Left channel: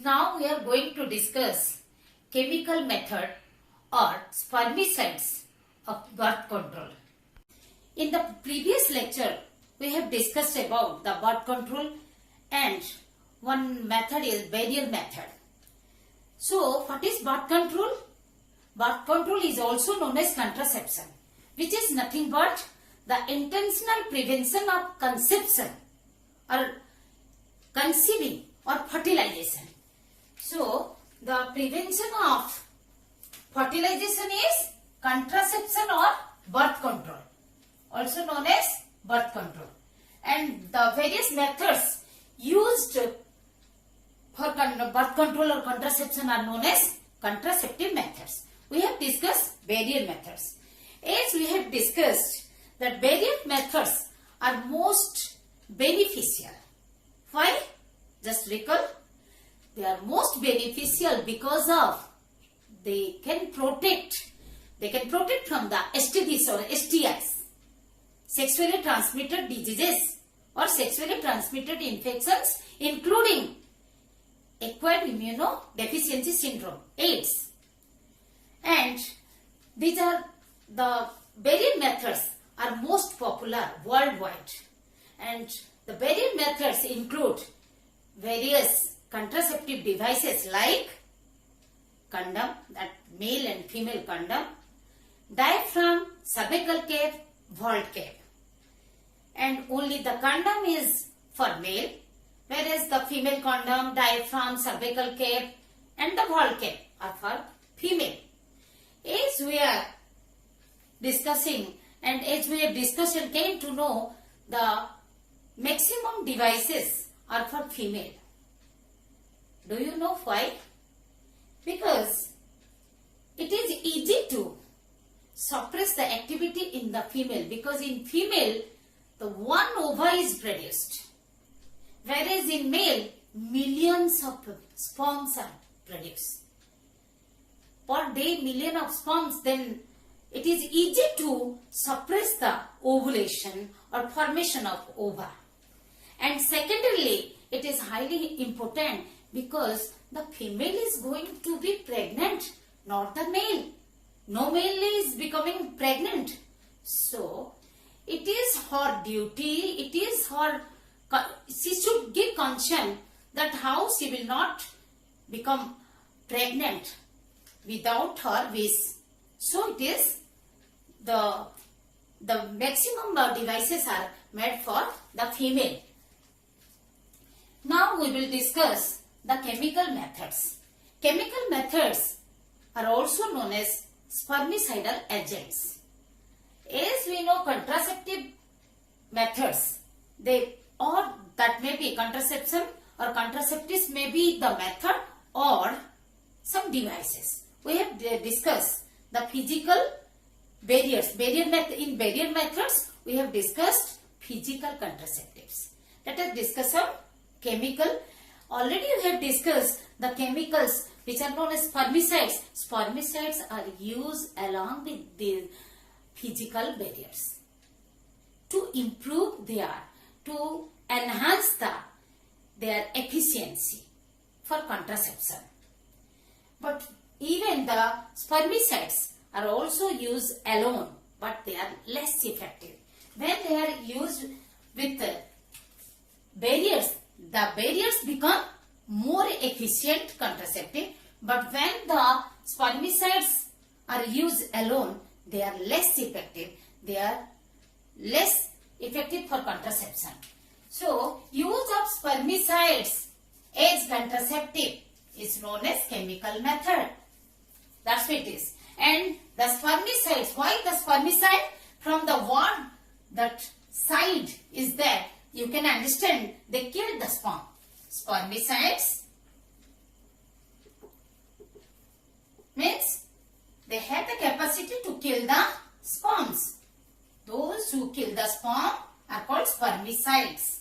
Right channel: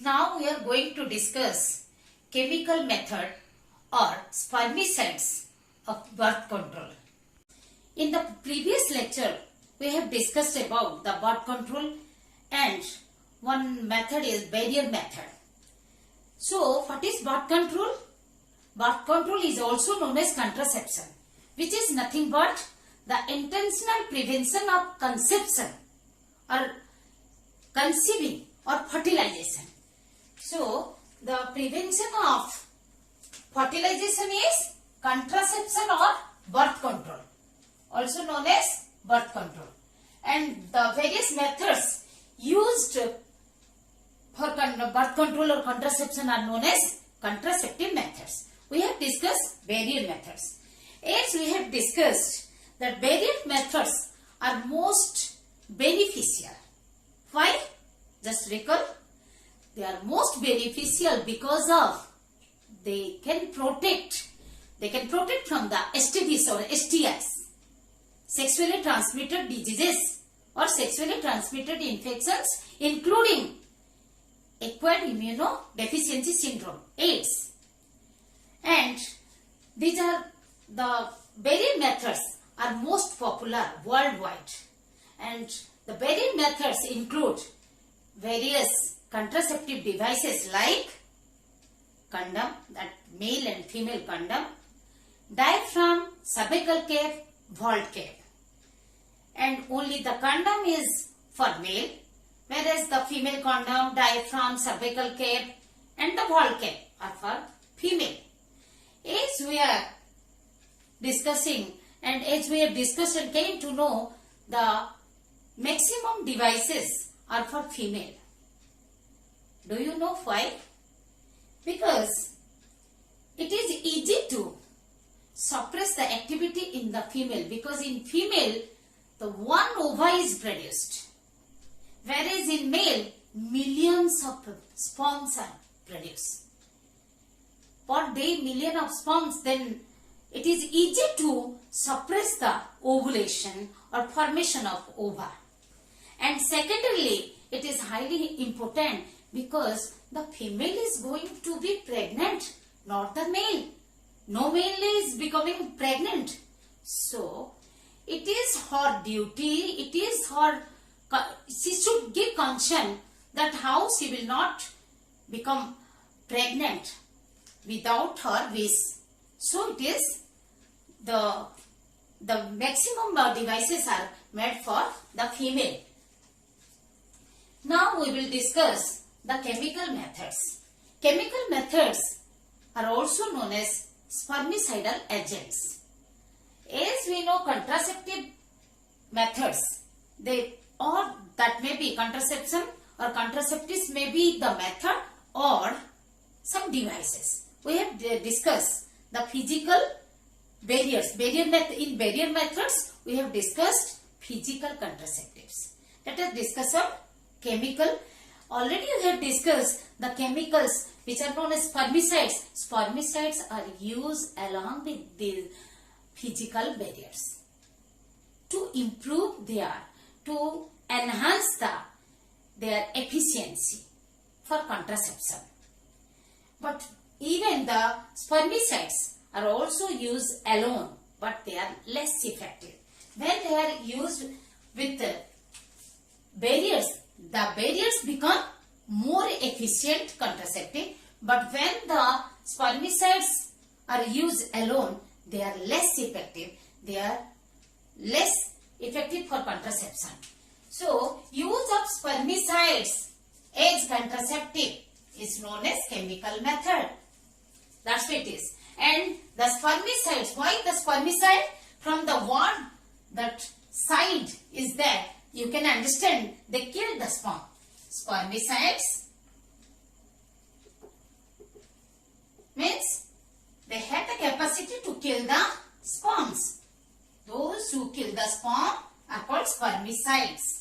Now we are going to discuss chemical method or spermicides of birth control. In the previous lecture, we have discussed about the birth control and one method is barrier method. So, what is birth control? Birth control is also known as contraception, which is nothing but the intentional prevention of conception or conceiving or fertilization. So, the prevention of fertilization is contraception or birth control, also known as birth control. And the various methods used for birth control or contraception are known as contraceptive methods. We have discussed barrier methods. As we have discussed that barrier methods are most beneficial. Why? Just recall. They are most beneficial because of they can protect from the STDs or STIs, sexually transmitted diseases or sexually transmitted infections, including acquired immunodeficiency syndrome, AIDS. And these are the barrier methods are most popular worldwide. And the barrier methods include various contraceptive devices like condom, that male and female condom, diaphragm, cervical cap, vault cap. And only the condom is for male, whereas the female condom, diaphragm, cervical cap and the vault cap are for female. As we are discussing and as we have discussed and came to know, the maximum devices are for female. Do you know why? Because it is easy to suppress the activity in the female, because in female the one ova is produced, whereas in male millions of sperms are produced. Per day million of sperms, then it is easy to suppress the ovulation or formation of ova. And secondarily, it is highly important because the female is going to be pregnant, not the male. No male is becoming pregnant. So, it is her duty, it is her, she should give consent that how she will not become pregnant without her wish. So, it is the maximum devices are made for the female. Now, we will discuss the chemical methods. Chemical methods are also known as spermicidal agents. As we know, contraceptive methods, that may be contraception or contraceptives may be the method or some devices. We have discussed the physical barriers. In barrier methods, we have discussed physical contraceptives. Let us discuss some chemical. Already we have discussed the chemicals which are known as spermicides. Spermicides are used along with the physical barriers to improve to enhance their efficiency for contraception. But even the spermicides are also used alone, but they are less effective. When they are used with barriers, the barriers become more efficient contraceptive, but when the spermicides are used alone, they are less effective. They are less effective for contraception. So, use of spermicides as contraceptive is known as chemical method. That's what it is. And the spermicides, why the spermicide? From the one that side is there, you can understand they kill the sperm. Spermicides means they have the capacity to kill the sperms. Those who kill the sperm are called spermicides.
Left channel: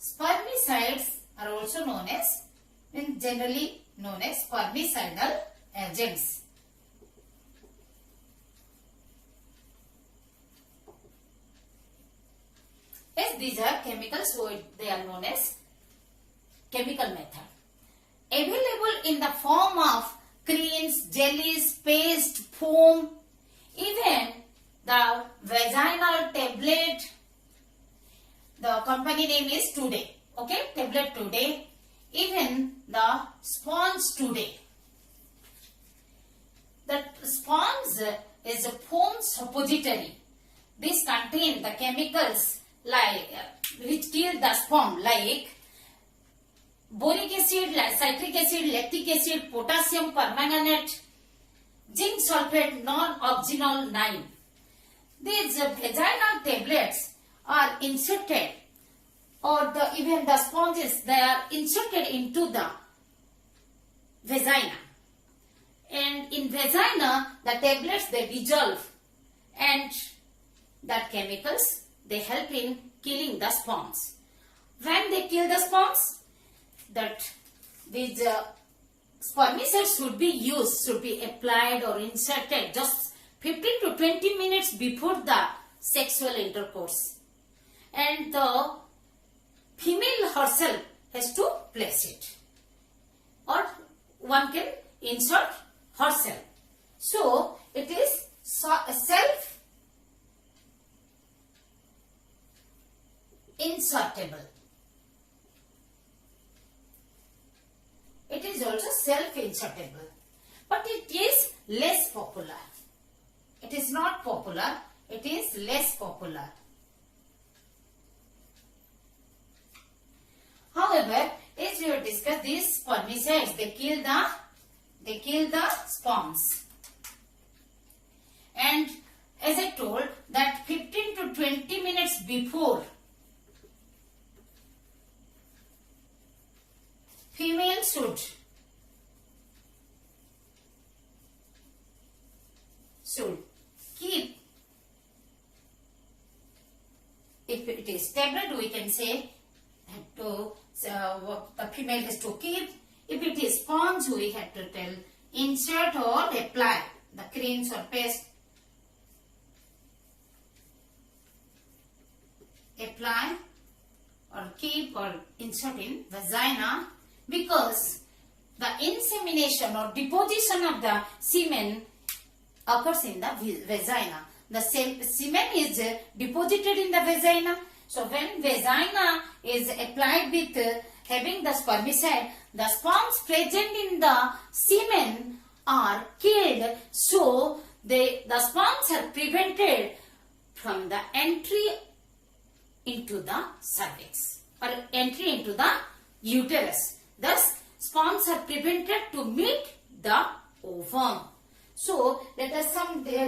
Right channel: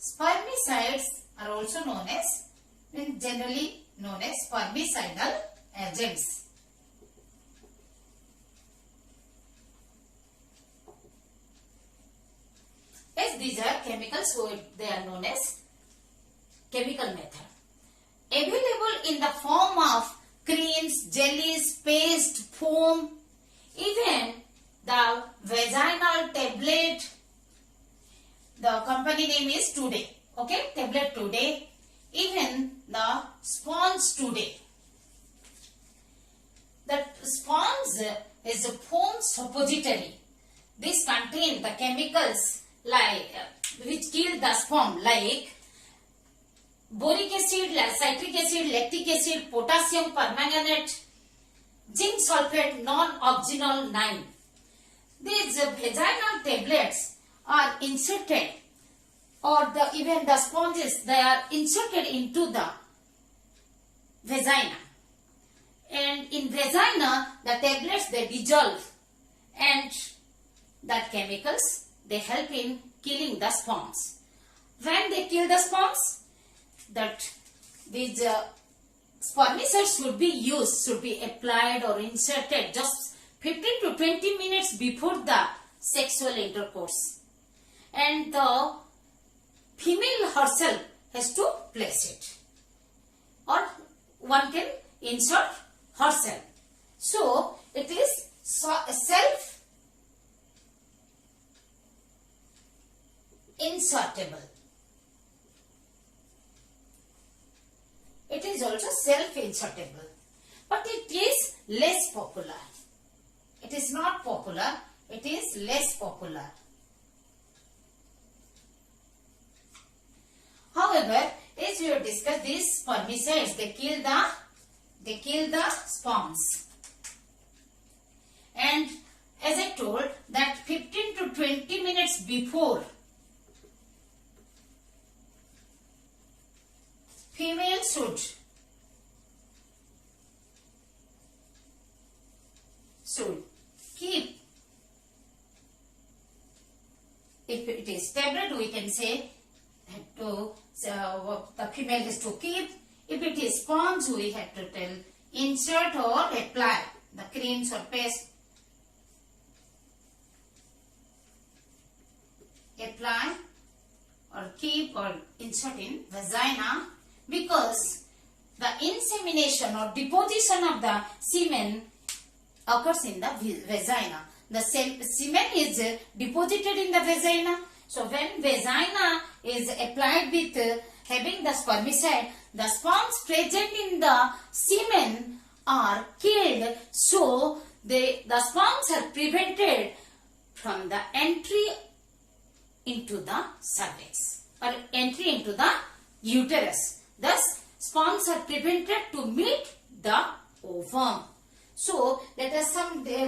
Spermicides are also known as, generally known as spermicidal agents. As these are chemicals, so they are known as chemical method. Available in the form of creams, jellies, paste, foam, even the vaginal tablet. The company name is Today. Okay, tablet Today. Even the sponge Today. The sponge is a foam suppository. This contains the chemicals like which kill the sperm, like boric acid, citric acid, lactic acid, potassium permanganate, zinc sulfate, non-oxynol 9. These vaginal tablets are inserted, or even the sponges, they are inserted into the vagina. And in vagina, the tablets they dissolve, and that chemicals they help in killing the sperms. When they kill the sperms, that these spermicides should be used, should be applied or inserted just 15 to 20 minutes before the sexual intercourse. And the female herself has to place it, or one can insert herself. So it is self insertable. It is also self insertable, but it is less popular. It is not popular, it is less popular. However, as we have discussed, these spermicides they kill the sperms. And as I told that 15 to 20 minutes before, female should keep, if it is tablet we can say the female has to keep. If it is sponge, we have to tell insert or apply the creams or paste. Apply or keep or insert in vagina, because the insemination or deposition of the semen occurs in the vagina. The semen is deposited in the vagina. So when vagina is applied with having the spermicide, the sperms present in the semen are killed. So the sperms are prevented from the entry into the cervix or entry into the uterus. Thus, sperms are prevented to meet the ovum. So let us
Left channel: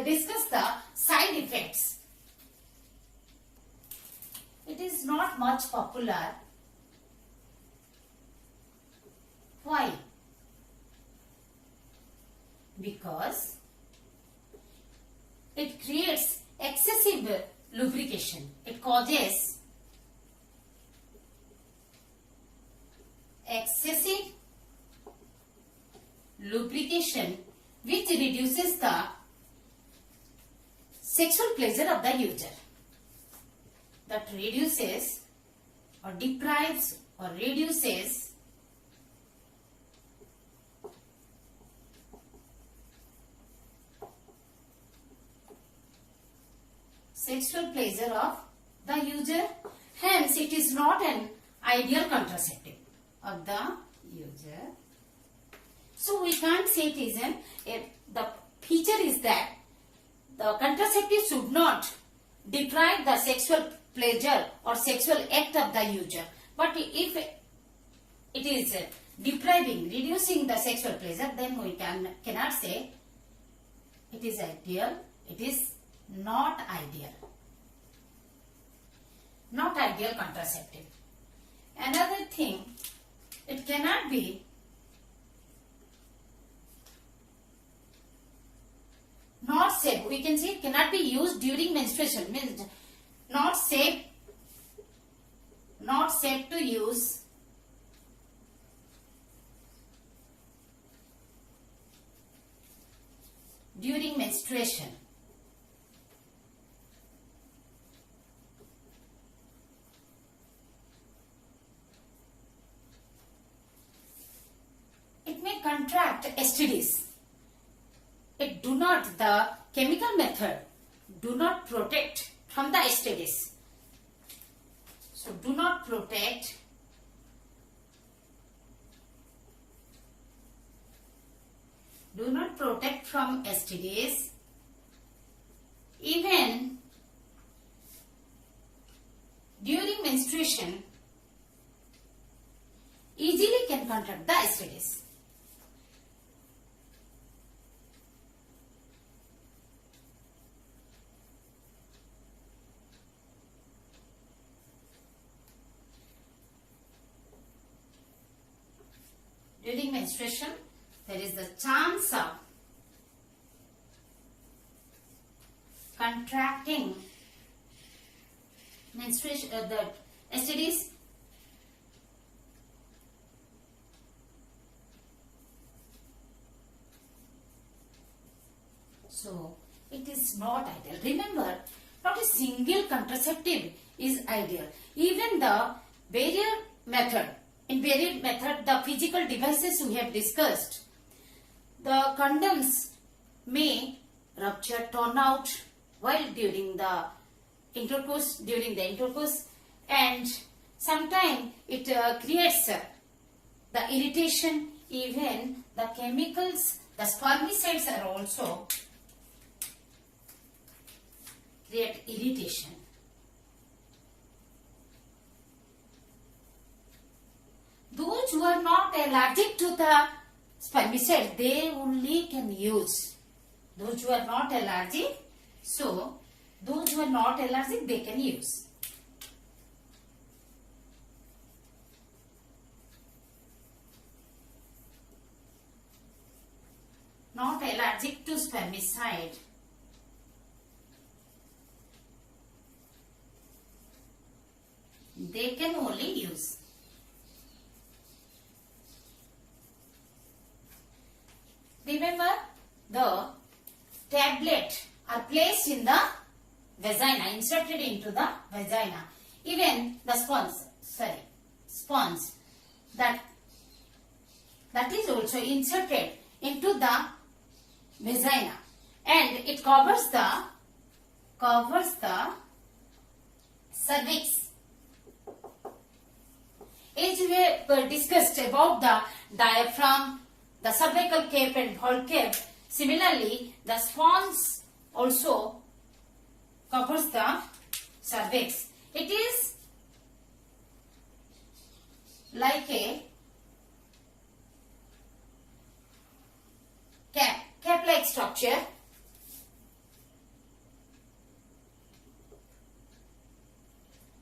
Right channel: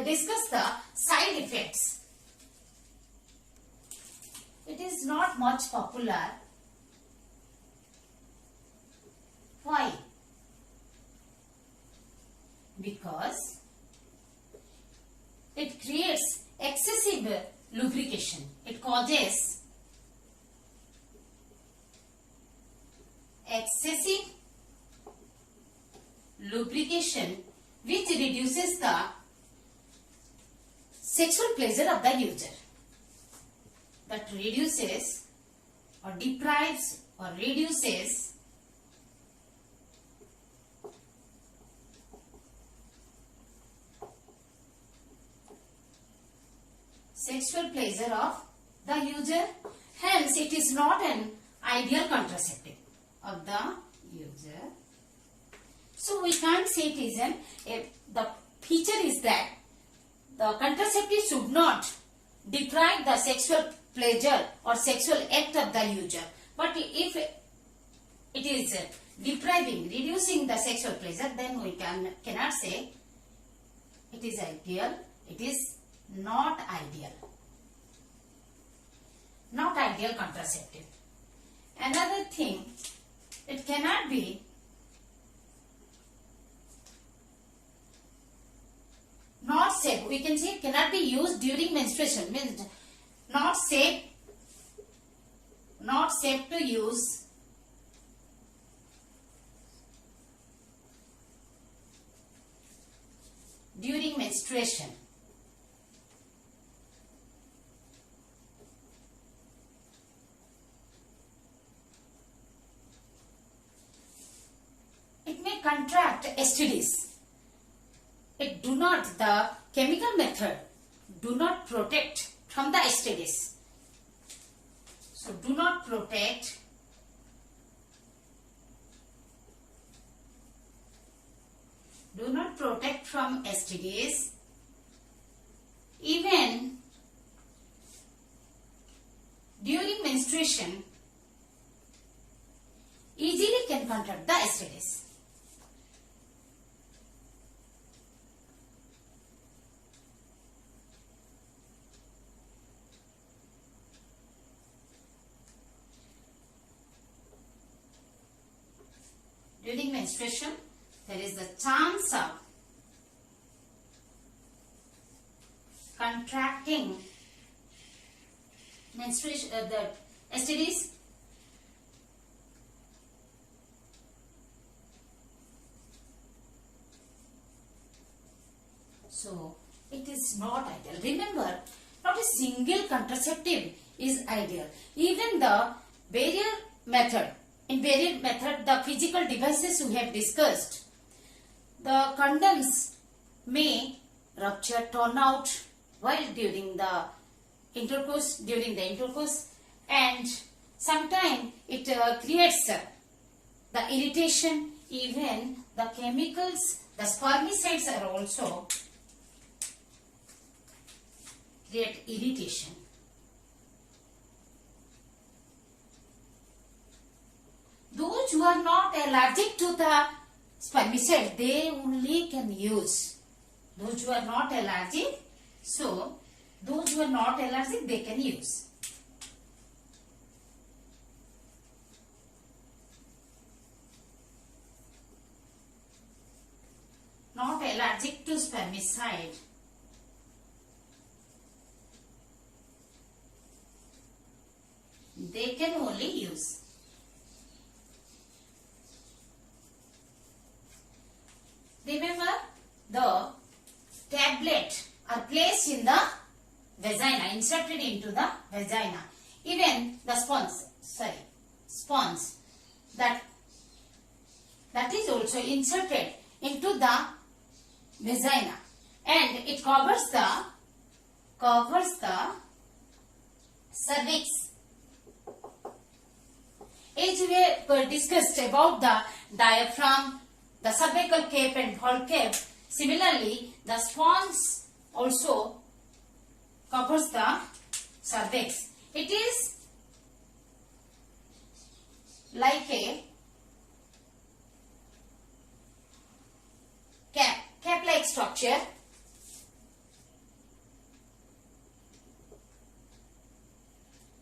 discuss the side effects. It is not much popular. Why? Because it creates excessive lubrication. It causes excessive lubrication, which reduces the sexual pleasure of the user. That reduces or deprives or reduces sexual pleasure of the user. Hence, it is not an ideal contraceptive of the user. So, we can't say it is the feature is that the contraceptive should not deprive the sexual pleasure or sexual act of the user. But if it is depriving, reducing the sexual pleasure, then we cannot say it is ideal. It is not ideal. Not ideal contraceptive. Another thing, it cannot be not safe. We can say it cannot be used during menstruation. Means not safe to use during menstruation. contract STDs. The chemical method do not protect from the STDs. So do not protect from STDs. Even during menstruation, easily can contract the STDs. During menstruation, there is the chance of contracting menstruation, the STDs. So it is not ideal. Remember, not a single contraceptive is ideal. Even the barrier method. In barrier method, the physical devices we have discussed, the condoms may rupture, torn out while during the intercourse, and sometimes it creates the irritation. Even the chemicals, the spermicides are also create irritation. Those who are not allergic to the spermicide, they only can use. Those who are not allergic, they can use. Not allergic to spermicide, they can only use. Remember, the tablet are placed in the vagina, inserted into the vagina. Even the sponge that is also inserted into the vagina, and it covers the cervix. As we discussed about the diaphragm, the cervical cape and vault cape, similarly the sponge also covers the cervix. It is like a cap-like structure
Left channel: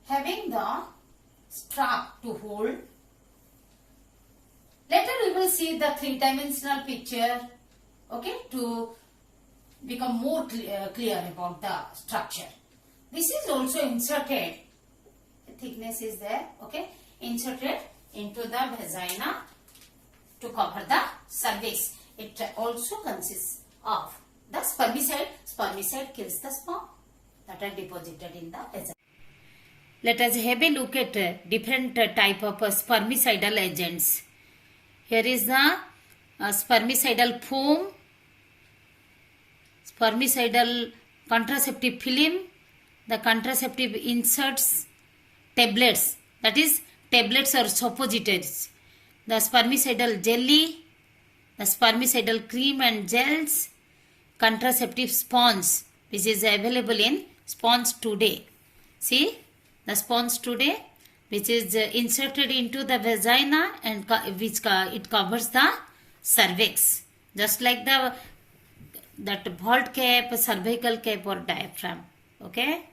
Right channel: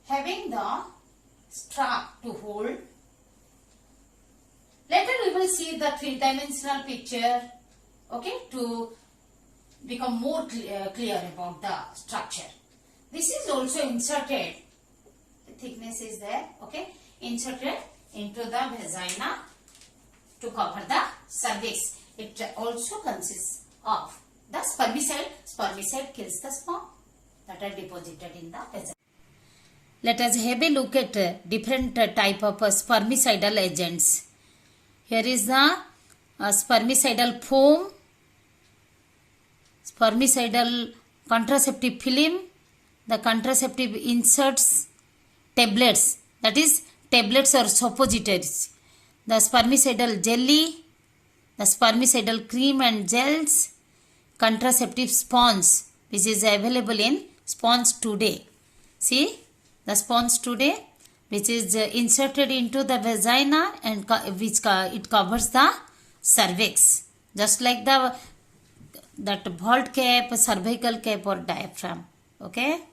having the strap to hold. Later we will see the three-dimensional picture, okay, to become more clear about the structure. This is also inserted, the thickness is there, okay, inserted into the vagina to cover the cervix. It also consists of the spermicide. Spermicide kills the sperm that are deposited in the vagina. Let us have a look at different type of spermicidal agents. Here is the spermicidal foam, spermicidal contraceptive film, the contraceptive inserts, tablets, that is tablets or suppositories, the spermicidal jelly, the spermicidal cream and gels, contraceptive sponge which is available in Sponge Today. See the Sponge Today, which is inserted into the vagina and it covers the cervix, just like that vault cap, cervical cap or diaphragm. Okay.